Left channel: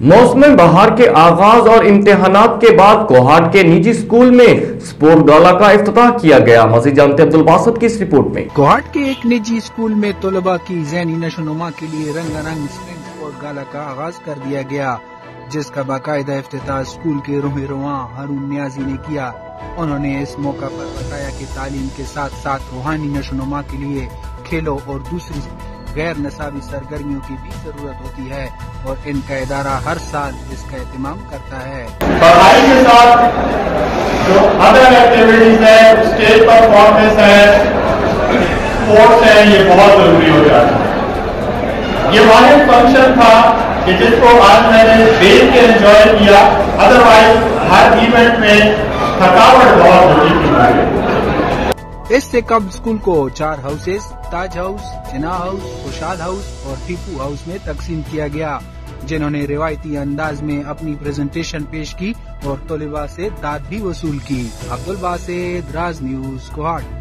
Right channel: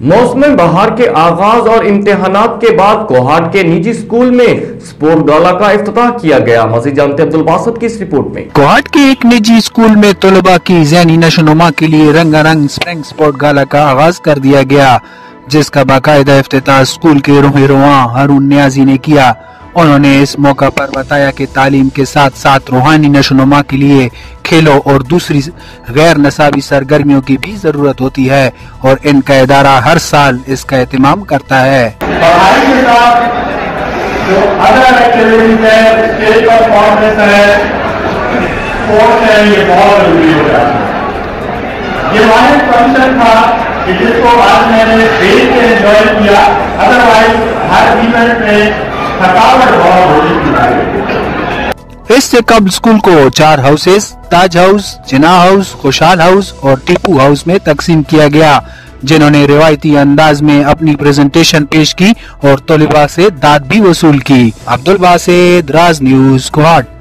मौसम बहार के आगाज और इम्तिहानात के बाद कोहाट के निजी स्कूल में स्पोर्ट गाला का इफ्तिताह किया गया। मज़ीद जानते अब्दुल बासित की इस रिपोर्ट में। कोहाट के एक निजी स्कूल में तलबा की ज़हनी नशोनुमा के लिए रंगारंग स्प्रिंग स्पोर्ट गाला का आगाज कर दिया गया, जिसका बाकायदा इफ्तिताह स्कूल के रूहानी हारून नियाजी ने किया। उन्होंने इस मौका पर बताया कि तालीम के साथ साथ रूहानी नशोनुमा के लिए खेलों और दूसरी गैर नसाबी सरगर्मियों की भी जरूरत होती है और इनका इदारा हर साल इसका एहतमाम करता है। पढ़ाई के साथ जो अदर एक्टिविटीज है, स्टेज परफॉर्मेंस है, स्पोर्ट्स है, ये बहुत जरूरी हो जाता है। ये हमारे फंक्शन था कि जिसको आज मैंने देख के एंजॉय किया, अदरवाइज हर इवेंट में थकावट बहुत होती थी। इससे कबल स्कूल को 4 हाउसेस, ताज हाउस, जिना हाउस, खुशहाल हाउस और टीपू हाउस में तकसीम किया गया, जिन्होंने रिवायती अंदाज में अपनी प्रेजेंटेशन पेश की और तलबा से दाद भी वसूल की। अब्दुल बासित, राज न्यूज़, कोहाट।